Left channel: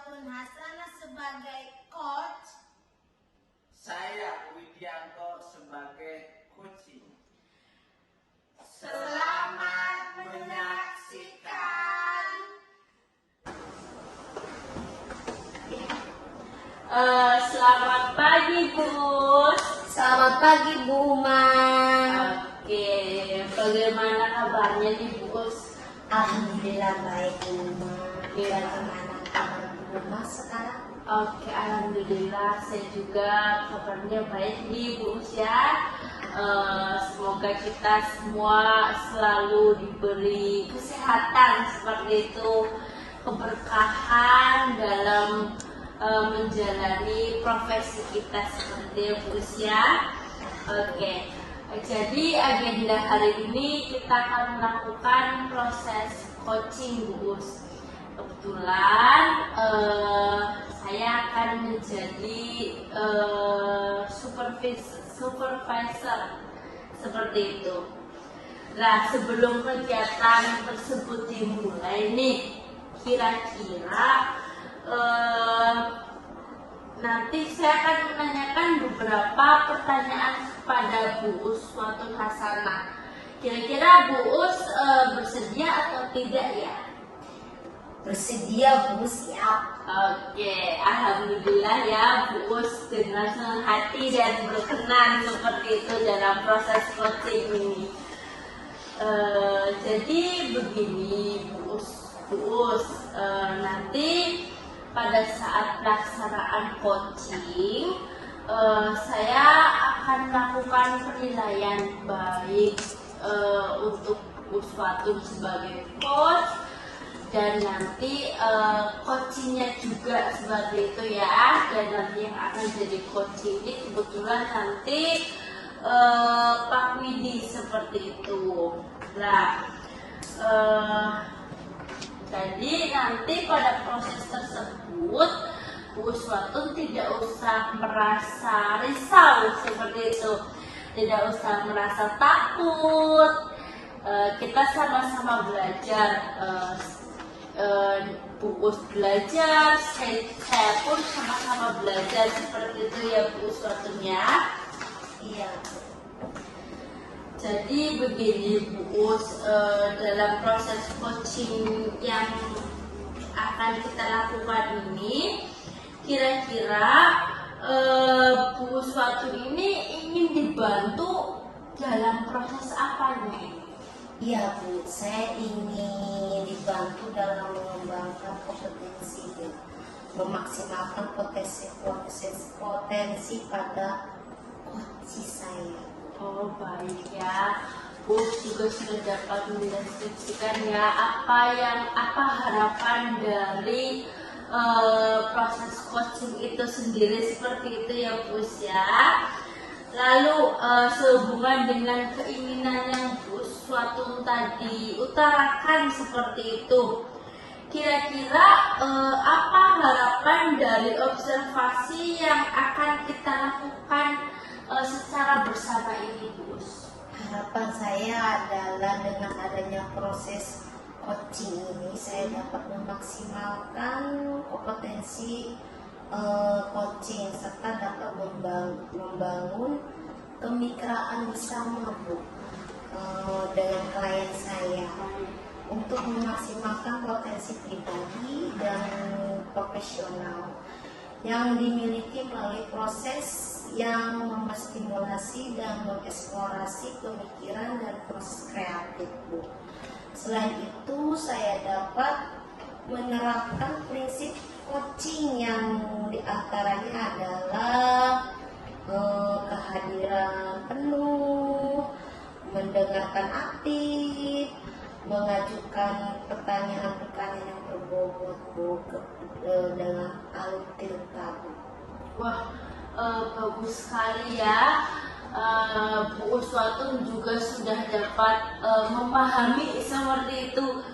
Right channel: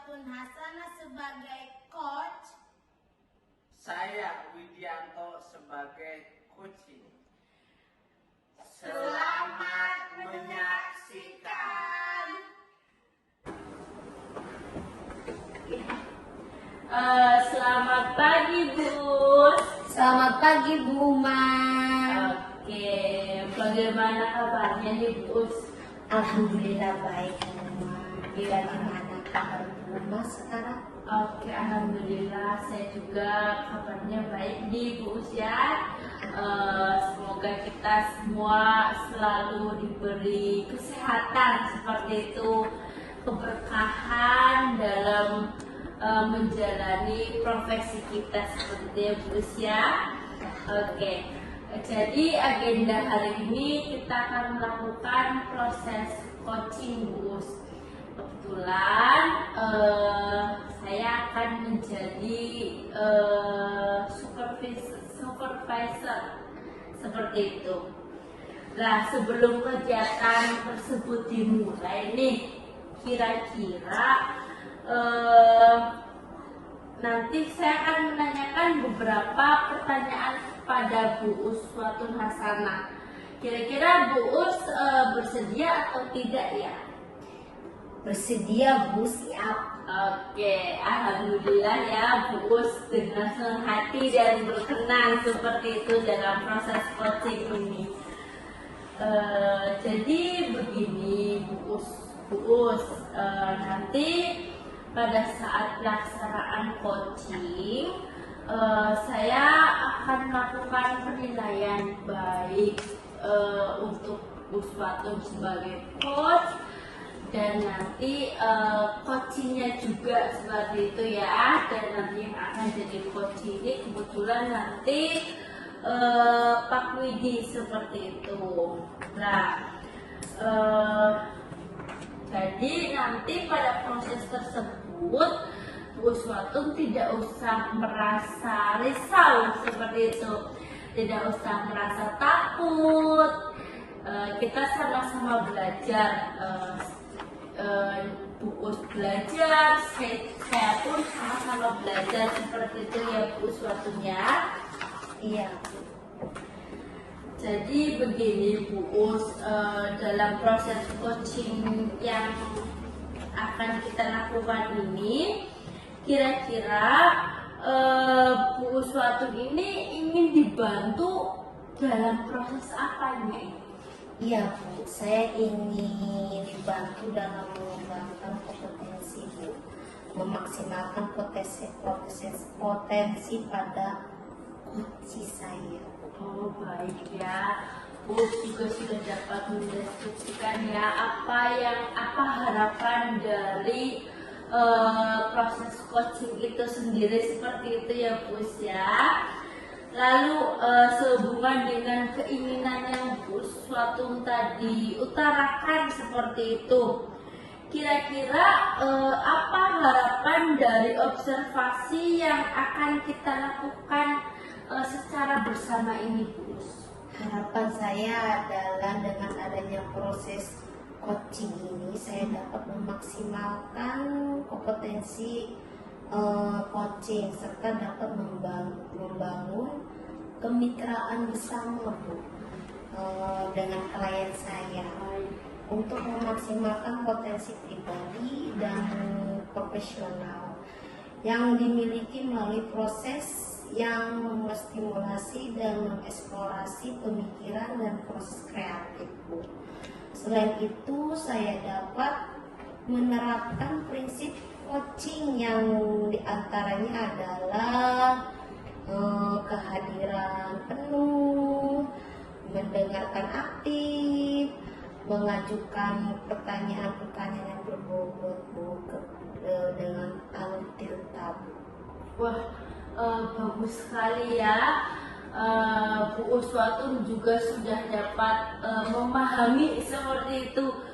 Uswatun Hasanah sebagai coach. Saya Widianto sebagai coaching. Selamat menyaksikan. Selamat pagi, Bu. Selamat pagi, Bu Uma. Oke, bagaimana kabarnya nih, Bu? Alhamdulillah baik, Bu Uma. Bagaimana kabar Bu Uma sekarang? Oke, alhamdulillah saya juga kabarnya baik nih, Bu ya. Semoga kita semua selalu diberi kesehatan seperti itu, keberkahan dalam menjalani profesi kita seperti Bu ya. Oke, jadi agenda hari ini kita akan melakukan proses coaching, Bu. Kebetulan saya akan menjadi supervisor seperti itu. Nah, sebelum kegiatan tersebut dimulai nih, kira-kira nanti saya akan menanyakan beberapa pertanyaan kepada Bu Uswatun Hasanah. Kira-kira Bu bersedia atau tidak ya? Bersedia, Bu, siap. Oke, alhamdulillah ya Bu dengan senang hati dan berkenan seperti itu dalam proses coaching ini. Jadi begini Bu nanti pada saat pelaksanaan coaching saya akan melakukan penilaian baik untuk Uswatun sebagai coach, dan nanti coachingnya juga seperti itu ya. Dan nanti yang akan jadi coach ini kebetulan nanti Pak Widi seperti itu. Nah, jadi nanti pada proses tersebut Bu Uswatun tidak usah merasa risau seperti itu, tidak usah merasa takut. Kita sama-sama belajar. Bu belajar, saya pun sama-sama belajar seperti itu ya Bu Uswatun ya. Iya. Jadi begini Bu dalam proses coaching yang akan kita lakukan ini, kira-kira Bu Uswatun ini ingin dibantu dalam proses apa nih? Iya, Bu, saya ingin dibantu dalam mengembangkan kompetensi, Bu, memaksimalkan potensi pada coach saya. Oh baik ya, Bu juga sudah dapat mendeskripsikan ya apa harapan dari proses coaching itu sendiri seperti itu ya Bu ya. Lalu sehubungan dengan keinginan yang Bu Uswatun tadi utarakan seperti itu, kira-kira apa harapan dari observasi yang akan kita lakukan secara bersama ini, Bu? Harapan saya adalah dengan adanya proses coaching ini saya dapat memaksimalkan kompetensi coaching serta dapat membangun kemitraan bersama, Bu, dengan klien saya untuk memaksimalkan potensi pribadi dan profesional yang dimiliki melalui proses yang menstimulasi dan mengeksplorasi pemikiran dan proses kreatif, Bu. Selain itu, saya dapat menerapkan prinsip coaching yang diantaranya adalah kehadiran penuh, mendengarkan aktif, mengajukan pertanyaan-pertanyaan yang berbobot, Bu, dengan alur. Wah, bagus sekali ya. Bu Uswatun juga sudah dapat memahami seperti itu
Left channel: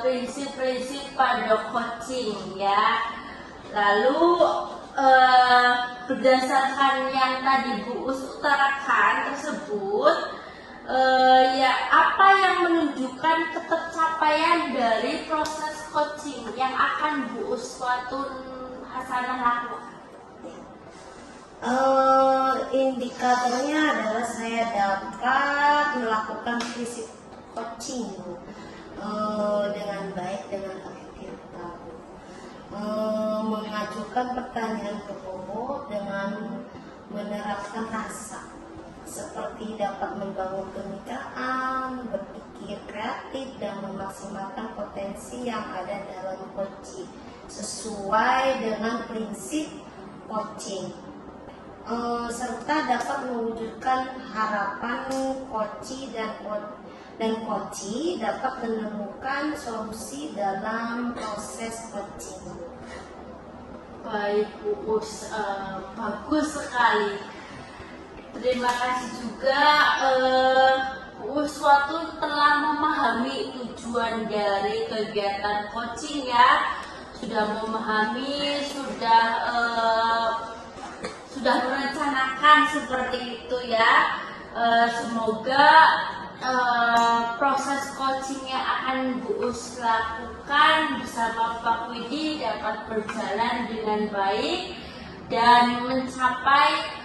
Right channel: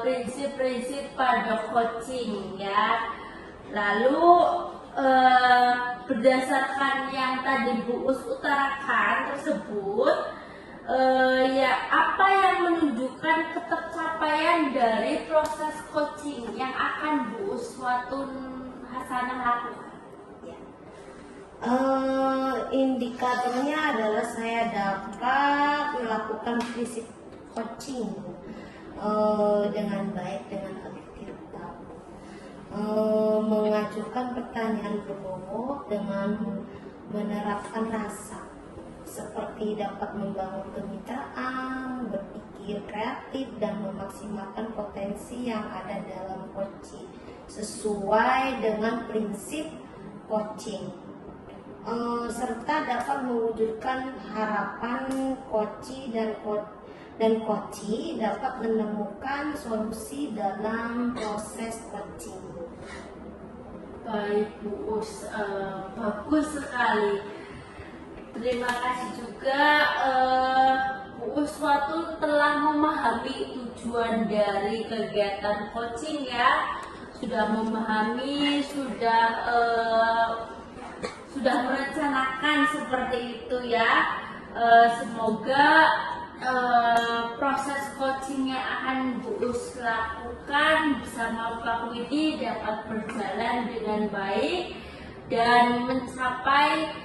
prinsip-prinsip pada coaching ya. Lalu berdasarkan yang tadi Bu Us utarakan tersebut, Ya, apa yang menunjukkan ketercapaian dari proses coaching yang akan Bu Uswatun Hasanah lakukan? Indikatornya adalah saya dapat melakukan prinsip coaching dengan baik, dengan efektif, mengajukan pertanyaan berbobot dengan menerapkan rasa, seperti dapat membangun kemitraan, berpikir kreatif, dan memaksimalkan potensi yang ada dalam coaching sesuai dengan prinsip coaching, serta dapat mewujudkan harapan coach dan coach dapat menemukan solusi dalam proses coaching. Baik Bu Us, bagus sekali. Terima kasih juga Bu Uswatun telah memahami tujuan dari kegiatan coaching ya. Sudah memahami, sudah merencanakan seperti itu ya. Semoga proses coaching yang akan Bu Us lakukan bersama Pak Widi dapat berjalan dengan baik dan mencapai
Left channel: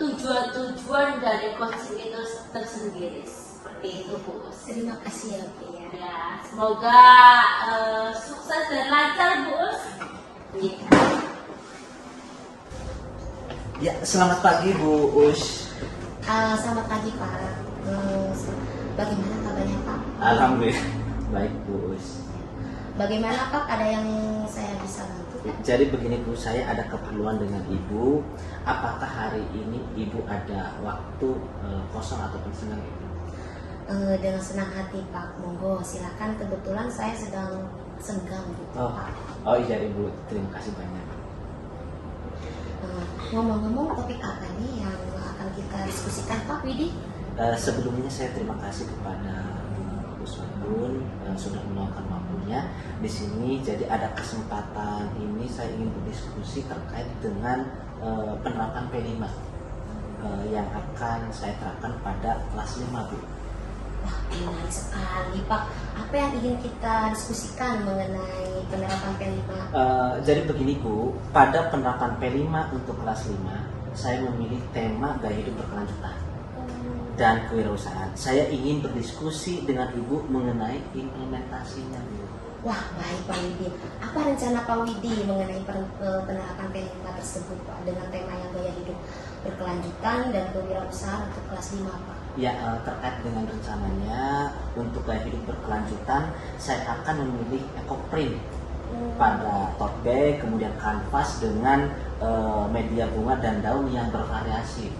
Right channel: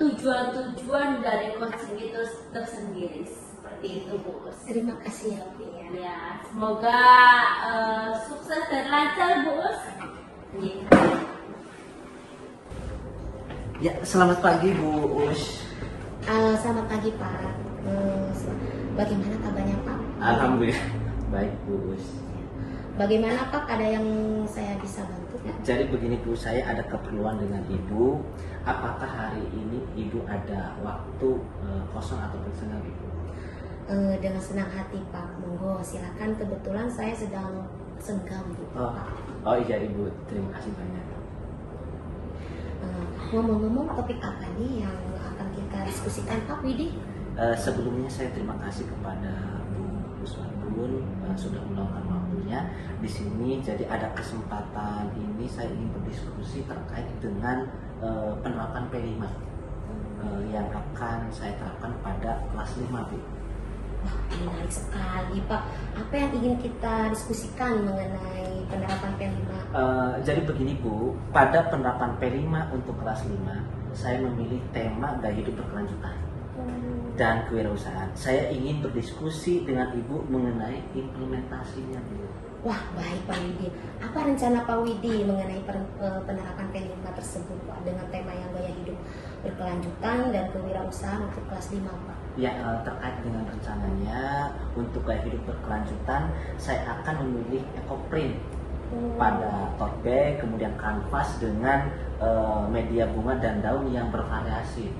tujuan-tujuan dari coaching itu tersendiri. Seperti itu Bu Us. Terima kasih ya, Bi. Ya, semoga sukses dan lancar Bu Us. Ya, selamat pagi Bu Us. Selamat pagi Pak. Bagaimana kabarnya Pak? Alhamdulillah baik Bu Us. Bagaimana Pak? Ada yang saya bisa bantu? Jadi begini Bu, saya ada keperluan dengan Ibu. Apakah hari ini Ibu ada waktu kosong ataupun senggang Ibu? Dengan senang hati Pak. Monggo silakan. Kebetulan saya sedang senggang Bu. Oh iya Ibu, terima kasih banyak. Ngomong-ngomong, topik apa nih yang akan kita diskusikan Pak Widi? Sebelumnya saya terima kasih kepada Bu Uswatun sudah meluangkan waktunya di sini. Jadi ada kesempatan ini saya ingin berdiskusi terkait dengan penerapan P5 yang akan saya terapkan pada kelas 5 Bu. Wah, menarik sekali Pak. Apa yang ingin kita diskusikan mengenai penerapan P5? Jadi begini Bu, pada penerapan P5 untuk kelas 5 saya memilih tema gaya hidup berkelanjutan dan kewirausahaan. Saya ingin berdiskusi dengan Ibu mengenai implementasinya Bu. Wah, baik Pak Widi. Apa rencana Pak Widi mengenai penerapan P5 tersebut Pak, dengan tema yang gaya hidup berkelanjutan dan kewirausahaan untuk kelas 5 Pak? Ya, terkait dengan rencananya untuk gaya hidup berkelanjutan, saya akan memilih ekoprint pada tote bag, kemudian kanvas dengan media bunga dan daun yang bervariasi.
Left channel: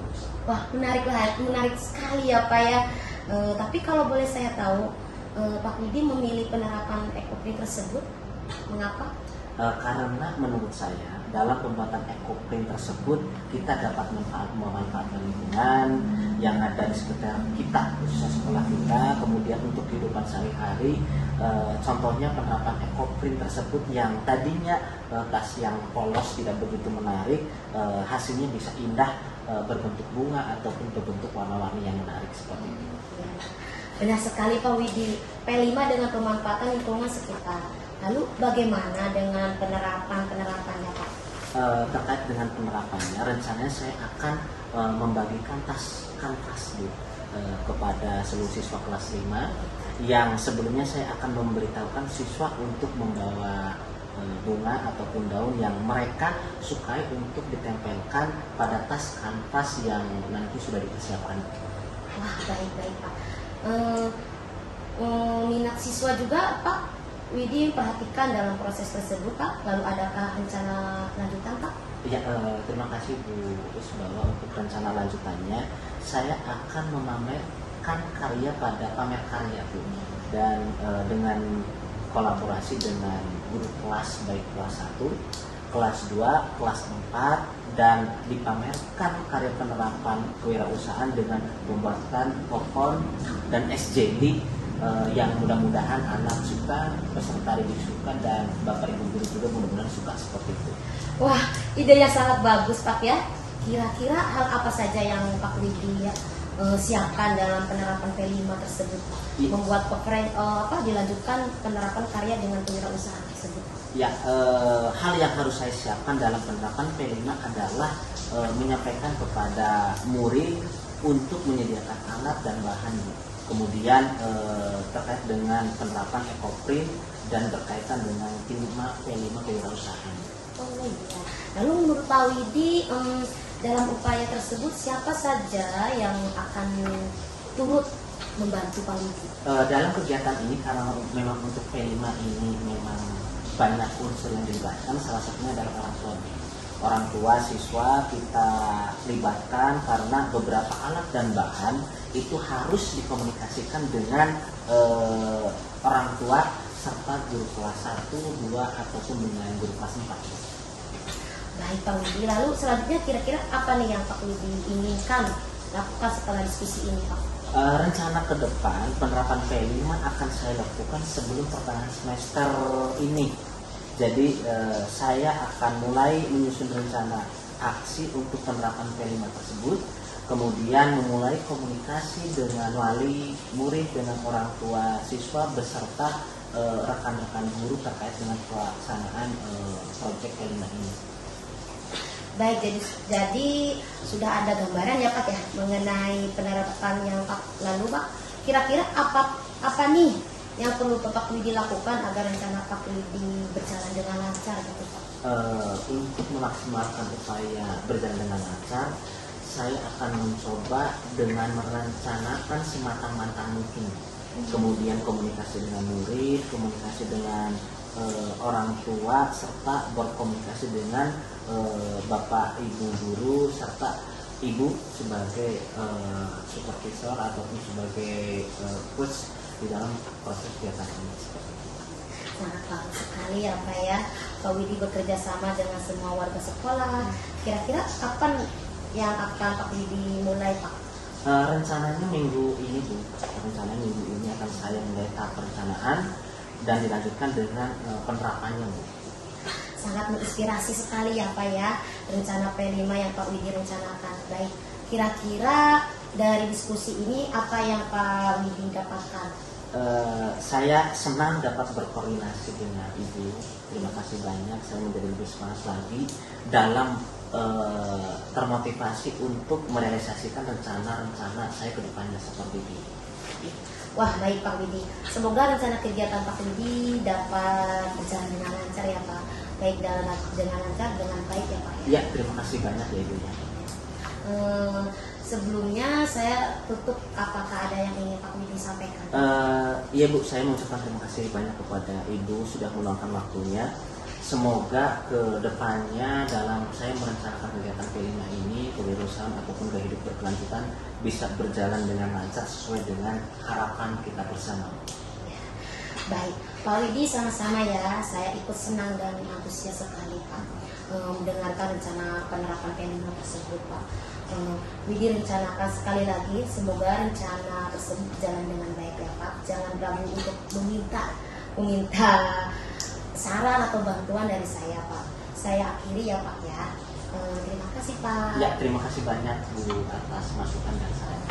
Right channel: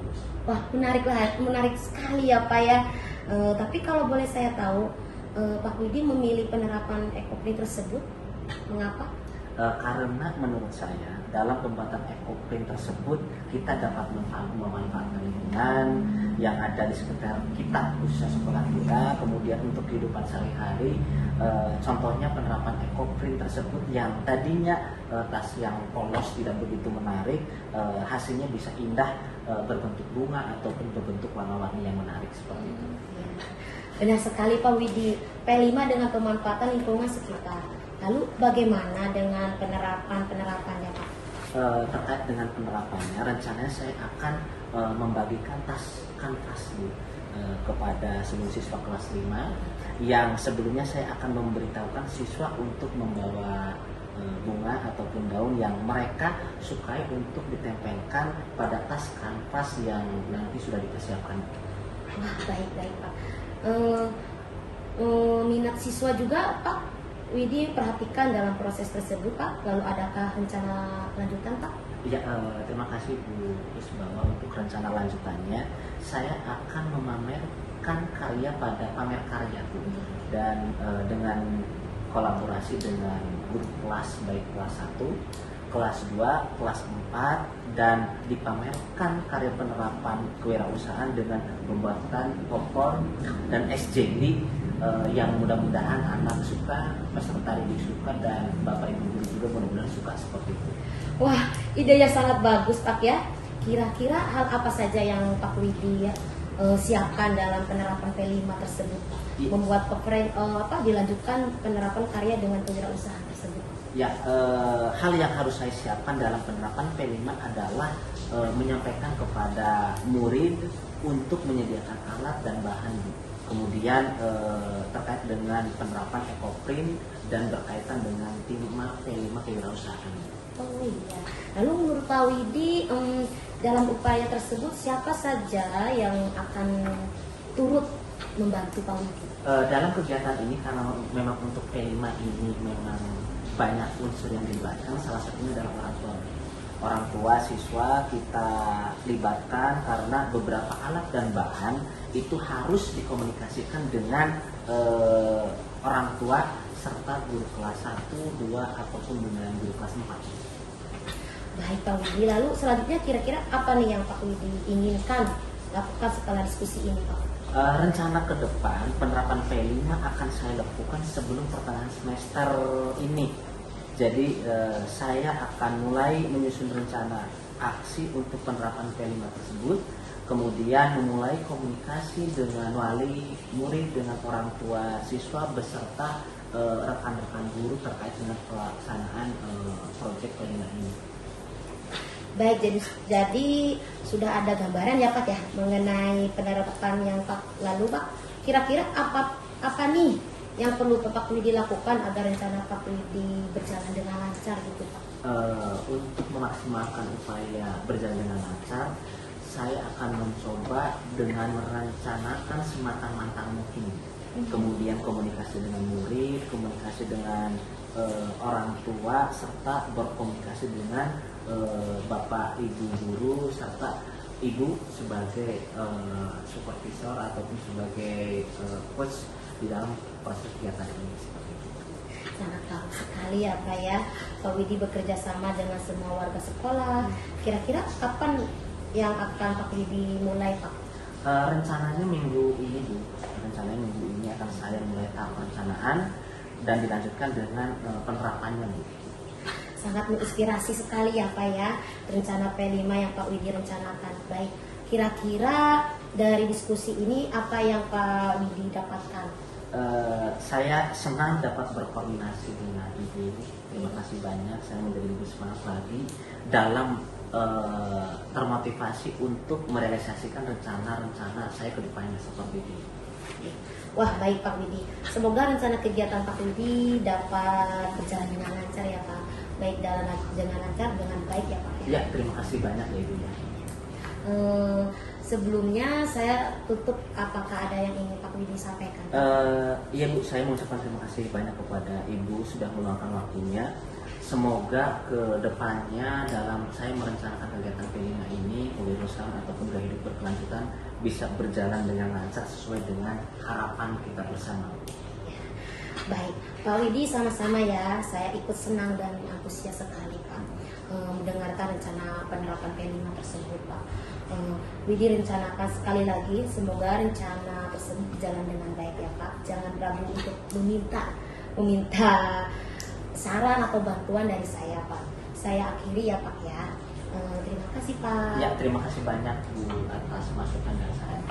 Wah, menarik sekali ya Pak ya. Tapi kalau boleh saya tahu, Pak Widi memilih penerapan ekoprint tersebut, mengapa? Karena menurut saya dalam pembuatan ekoprint tersebut kita dapat memanfaatkan lingkungan yang ada di sekitar kita, khususnya sekolah kita, kemudian untuk kehidupan sehari-hari. Contohnya penerapan ekoprint tersebut yang tadinya tas yang polos tidak begitu menarik, hasilnya bisa indah berbentuk bunga ataupun berbentuk warna-warni yang menarik seperti itu. Benar sekali Pak Widi. P5 dengan pemanfaatan lingkungan sekitar. Lalu bagaimana dengan penerapannya Pak? Terkait dengan penerapannya, rencananya saya akan membagikan tas kanvas kepada seluruh siswa kelas 5 yang sebelumnya saya akan memberitahukan siswa untuk membawa bunga ataupun daun yang mereka sukai untuk ditempelkan pada tas kanvas yang nanti sudah dipersiapkan. Wah, baik Pak. Minat siswa juga Pak Widi perhatikan dalam proses tersebut Pak. Lalu adakah rencana lanjutan Pak? Ya, terima kasih Bu Usbala. Untuk rencana lanjutannya saya akan memamerkan karya pada pamer karya Bu, dan dengan kolaborasi dengan guru kelas baik kelas 1, kelas 2, kelas 4, dan dipamerkan karya penerapan kewirausahaan dengan pembuatan pohon dan SJD yang mudah-mudahan anak suka, peserta didik suka, dan Bapak Ibu guru juga mudah-mudahan suka seperti itu. Wah, ide yang sangat bagus Pak ya. Kira-kira hal apa saja yang Pak Widi ya, siapkan dalam penerapan P5 tersebut? Iya. Membuat dilanjutkan penerapan karya dengan kewirausahaan tersebut. Ya, hal yang harus saya siapkan dalam penerapan P5 adalah menyampaikan kepada murid untuk menyediakan alat dan bahan. Kemudian terkait dengan penerapan ekoprint dan berkaitan dengan P5 kewirausahaan. Oh iya. Lalu menurut Pak Widi, dalam upaya tersebut siapa saja yang akan turut membantu Pak Widi? Dalam kegiatan ini, karena memang untuk P5 ini memang banyak unsur yang dilibatkan, salah satunya adalah orang tua. Orang tua siswa kita libatkan karena beberapa alat dan bahan itu harus dikomunikasikan dengan orang tua serta guru kelas 1, 2 ataupun dengan guru kelas 4. Baik Pak Widi, lalu selanjutnya kira-kira apa nih yang Pak Widi inginkan lakukan setelah diskusi ini Pak? Rencana ke depan penerapan P5 akan saya lakukan sebelum pertengahan semester ini. Jadi saya akan mulai menyusun rencana aksi untuk penerapan P5 tersebut, kemudian memulai komunikasi dengan wali murid, dengan orang tua siswa beserta rekan-rekan guru terkait dengan pelaksanaan proyek P5 ini. Baik, jadi sudah ada gambaran ya Pak ya mengenai penerapan yang Pak lalu Pak. Kira-kira apa nih yang perlu Pak Widi lakukan agar rencana Pak Widi berjalan dengan lancar gitu Pak? Untuk memaksimalkan upaya berjalan dengan lancar, saya akan mencoba dengan merencanakan sematang-matang mungkin. Kemudian komunikasi dengan murid, komunikasi dengan orang tua, serta berkomunikasi dengan bapak ibu guru serta ibu sebagai supervisor ataupun sebagai coach di dalam proses kegiatan ini. Sangat bagus sekali ya Pak ya. Pak Widi bekerja sama dengan semua warga sekolah. Kira-kira kapan yang akan Pak Widi mulai Pak? Rencananya minggu ini akan saya mulai tahap perencanaan dan dilanjutkan dengan penerapannya Bu. Sangat menginspirasi sekali ya Pak ya rencana P5 yang Pak Widi rencanakan. Baik, kira-kira dari diskusi ini apa yang Pak Widi dapatkan? Saya senang dapat berkoordinasi dengan Ibu. Terima kasih banyak. Saya menjadi lebih semangat lagi dalam termotivasi untuk merealisasikan rencana-rencana saya ke depannya seperti ini. Wah baik Pak Widi, semoga rencana kegiatan Pak Widi dapat berjalan dengan lancar ya Pak. Baik dengan lancar, dengan baik ya Pak ya. Ya, terima kasih banyak ya Ibu. Sebelumnya saya tutup, apakah ada yang ingin Pak Widi sampaikan? Iya Bu, saya mengucapkan terima kasih banyak kepada Ibu sudah meluangkan waktunya. Semoga ke depannya dalam saya merencanakan kegiatan P5 ini, kewirausahaan ataupun gaya hidup berkelanjutan bisa berjalan dengan lancar sesuai dengan harapan kita bersama. Baik, Pak Widi sama-sama ya, saya ikut senang dan antusias sekali Pak mendengarkan rencana penerapan P5 tersebut Pak. Widi rencanakan sekali lagi, semoga rencana tersebut berjalan dengan baik ya Pak. Jangan ragu untuk meminta saran atau bantuan dari saya Pak. Saya akhiri ya Pak ya. Terima kasih Pak. Ya, terima kasih banyak Bu atas masukan dari saya.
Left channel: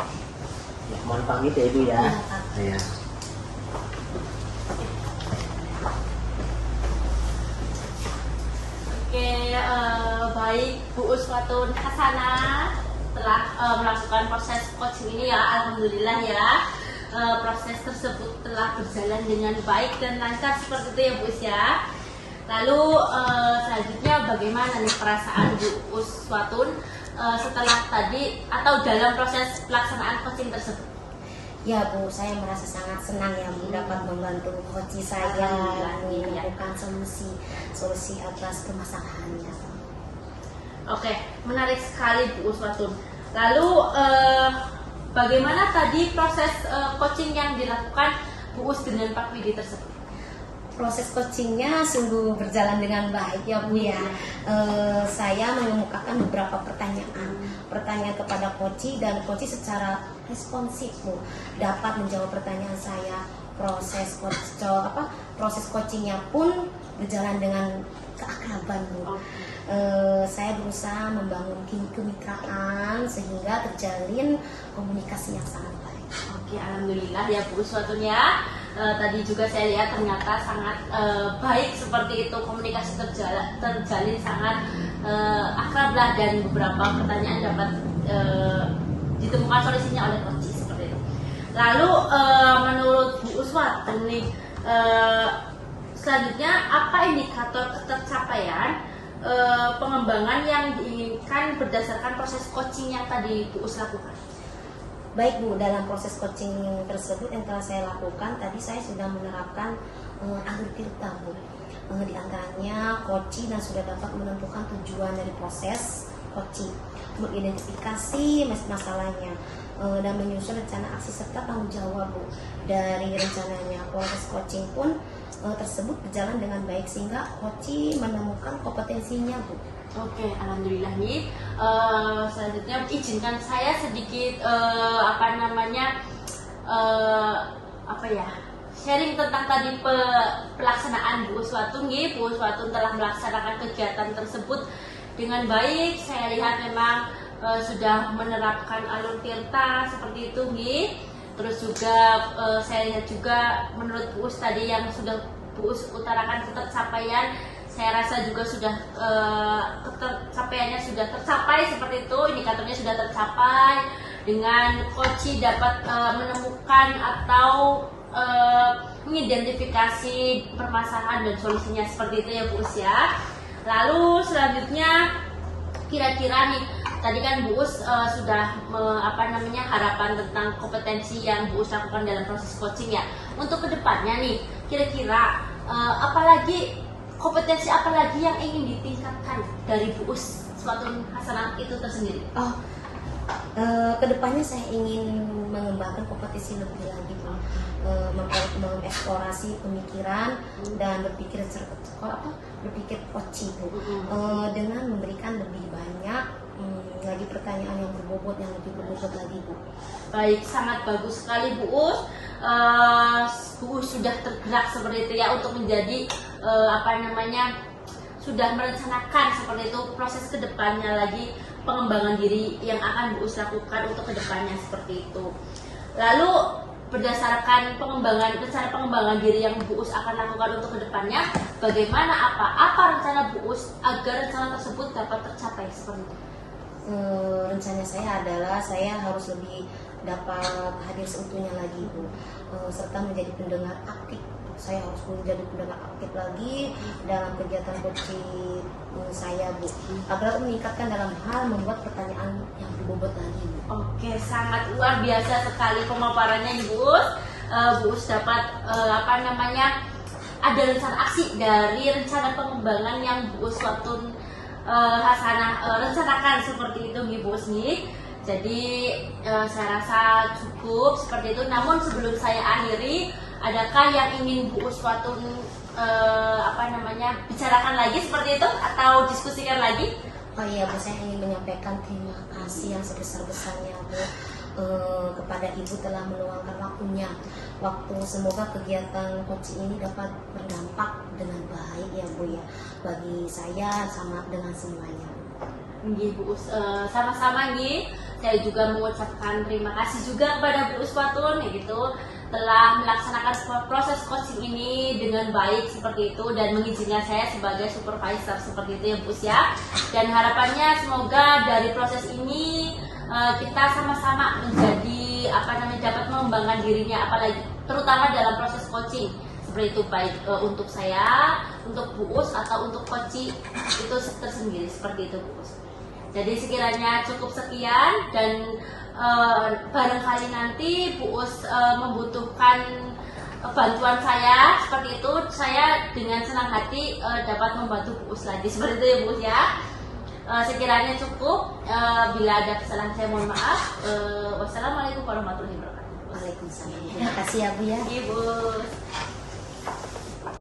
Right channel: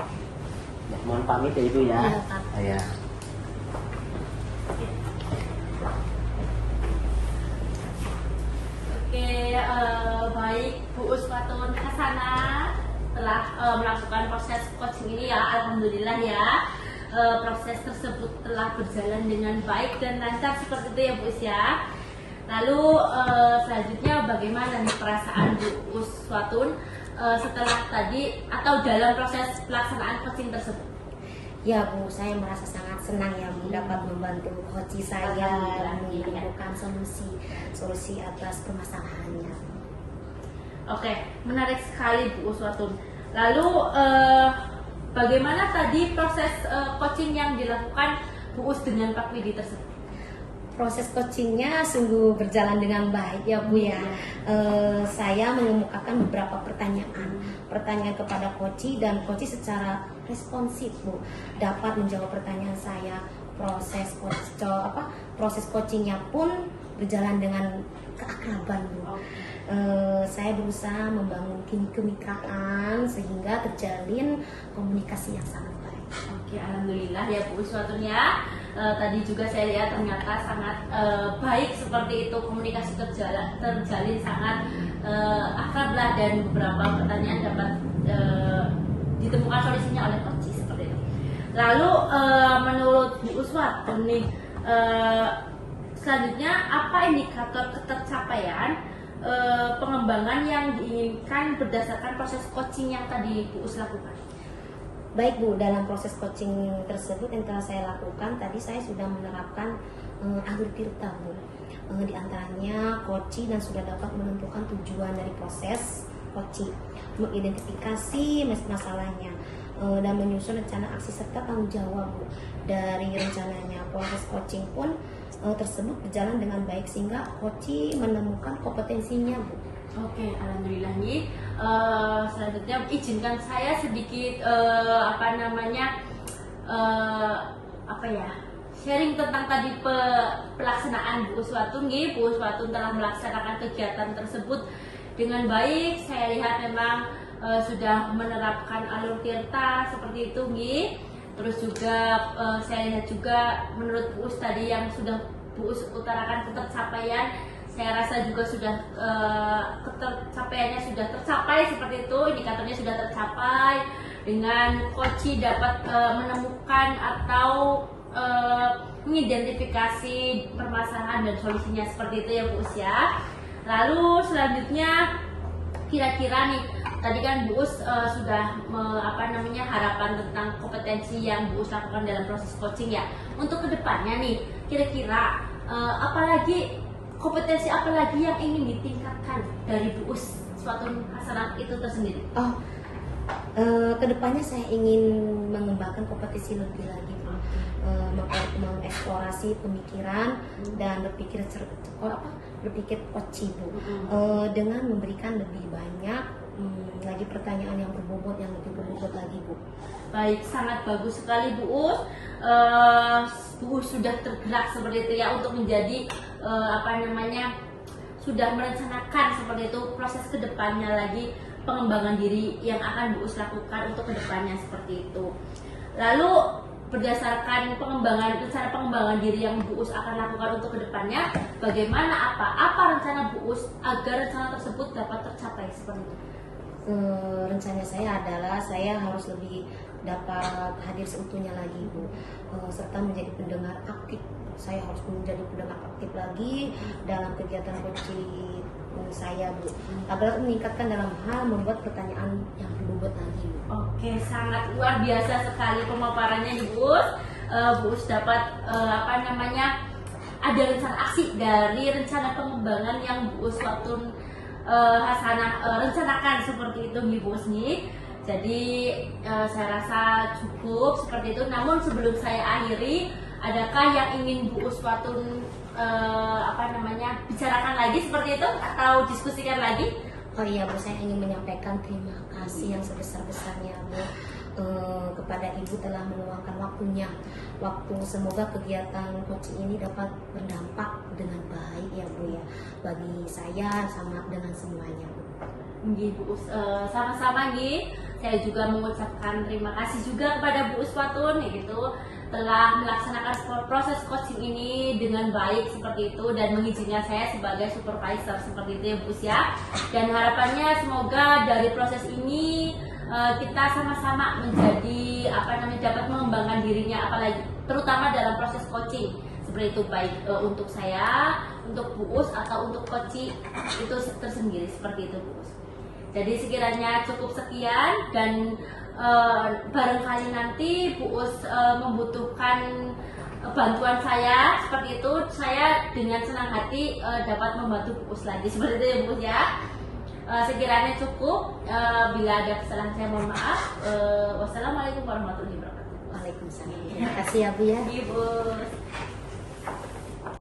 Ya, mohon pamit ya Ibu ya. Iya, Pak. Ya. Oke, baik Bu Uswatun Hasanah telah melakukan proses coaching ini ya, alhamdulillah ya. Proses tersebut telah berjalan dengan baik dan lancar seperti itu ya Bu Us ya. Lalu selanjutnya bagaimana nih perasaan Bu Uswatun setelah tadi atau dalam proses pelaksanaan coaching tersebut? Ya Bu, saya merasa sangat senang ya Bu dapat membantu coach saya menemukan solusi atas permasalahannya. Oke, menarik sekali Bu Uswatun. Lalu bagaimana tadi proses coaching yang dilakukan Bu Us dengan Pak Widi tersebut? Proses coachingnya sungguh berjalan dengan baik ya Bu ya. Saya mengemukakan beberapa pertanyaan kepada coach dan coach secara responsif Bu dapat menjawab pertanyaan saya proses coachingnya pun berjalan dengan keakraban Bu. Saya berusaha membangun kemitraan sehingga terjalin komunikasi yang sangat baik. Oke, alhamdulillah ya Bu Uswatun ya. Tadi juga saya lihat ternyata sangat baik seperti itu, komunikasi terjalin sangat akrab lah, dan beberapa pertanyaan dapat ditemukan solusinya oleh Coach seperti itu. Lalu menurut Bu Uswatun nih, selanjutnya apa indikator ketercapaian pengembangan yang diinginkan berdasarkan proses coaching yang tadi Bu Us lakukan? Baik Bu, dalam proses coaching tersebut yang telah saya lakukan, tadi saya sudah menerapkan alur tirta Bu. Di antaranya coaching dan sudah dapat menentukan tujuan dari proses coaching, mengidentifikasi masalahnya, dan menyusun rencana aksi serta tanggung jawab Bu. Dari rencananya proses coaching pun tersebut berjalan dengan baik sehingga coaching menemukan kompetensinya Bu. Oke, alhamdulillah nih. Selanjutnya izinkan saya sedikit sharing tentang tadi pelaksanaan Bu Uswatun nih. Bu Uswatun telah melaksanakan kegiatan tersebut dengan baik. Saya lihat memang sudah menerapkan alur tirta seperti itu nih. Terus juga saya lihat juga menurut Bu Us tadi yang sudah Bu Us utarakan ketercapaian, saya rasa juga sudah ketercapaiannya sudah tercapai seperti itu, indikatornya sudah tercapai dengan coach dapat menemukan atau mengidentifikasi permasalahan dan solusinya seperti itu ya Bu Us ya. Lalu selanjutnya kira-kira nih, tadi kan Bu Us sudah harapan tentang kompetensi yang Bu Us lakukan dalam proses coaching ya. Untuk kedepannya nih, kira-kira kompetensi apa lagi yang ingin ditingkatkan dari Bu Us Uswatun Hasanah itu tersendiri? Kedepannya saya ingin mengembangkan kompetensi lebih lagi Bu. Mengeksplorasi pemikiran dan berpikir coaching Bu, dengan memberikan lebih banyak lagi pertanyaan yang berbobot, yang lebih berbobot lagi Bu. Baik, sangat bagus sekali Bu Us. Bu Us sudah tergerak seperti itu ya untuk menjadi sudah merencanakan seperti itu proses kedepannya lagi, pengembangan diri yang akan Bu Us lakukan untuk kedepannya seperti itu. Lalu berdasarkan rencana pengembangan diri yang Bu Us akan lakukan untuk kedepannya, bagaimana apa rencana Bu Us agar rencana tersebut dapat tercapai seperti itu? Rencana saya adalah saya harus lebih dapat hadir seutuhnya lagi Bu, serta menjadi pendengar aktif. Saya harus menjadi pendengar aktif lagi dalam kegiatan coaching saya Bu, agar meningkatkan dalam hal membuat pertanyaan yang berbobot lagi Bu. Oke, sangat luar biasa sekali pemaparannya nih Bu Us. Bu Us dapat ada rencana aksi dari rencana pengembangan yang Bu Uswatun Hasanah rencanakan seperti itu nih Bu Us nih. Jadi saya rasa cukup seperti itu. Namun sebelum saya akhiri, adakah yang ingin Bu Uswatun bicarakan lagi seperti itu atau diskusikan lagi? Oh iya Bu, saya ingin menyampaikan terima kasih yang sebesar-besarnya Bu kepada Ibu telah meluangkan waktu. Semoga kegiatan coaching ini dapat berdampak dengan baik ya Bu ya, bagi saya sama dengan semuanya Bu. Nggih Bu Us, sama-sama nggih. Saya juga mengucapkan terima kasih juga kepada Bu Uswatun yaitu telah melaksanakan proses coaching ini dengan baik seperti itu dan mengizinkan saya sebagai supervisor seperti itu ya Bu Us ya. Dan harapannya semoga dari proses ini kita sama-sama menjadi dapat mengembangkan dirinya, apalagi terutama dalam proses coaching seperti itu, baik untuk saya, untuk Bu Us atau untuk coaching itu tersendiri seperti itu Bu Us. Jadi sekiranya cukup sekian dan barangkali nanti Bu Us membutuhkan bantuan saya seperti itu, saya dengan senang hati dapat membantu Bu Us lagi seperti itu ya Bu Us ya. Sekiranya cukup, bila ada kesalahan saya mohon maaf. Wassalamualaikum warahmatullahi wabarakatuh. Waalaikumsalam. Terima kasih ya Bu ya. Ibu.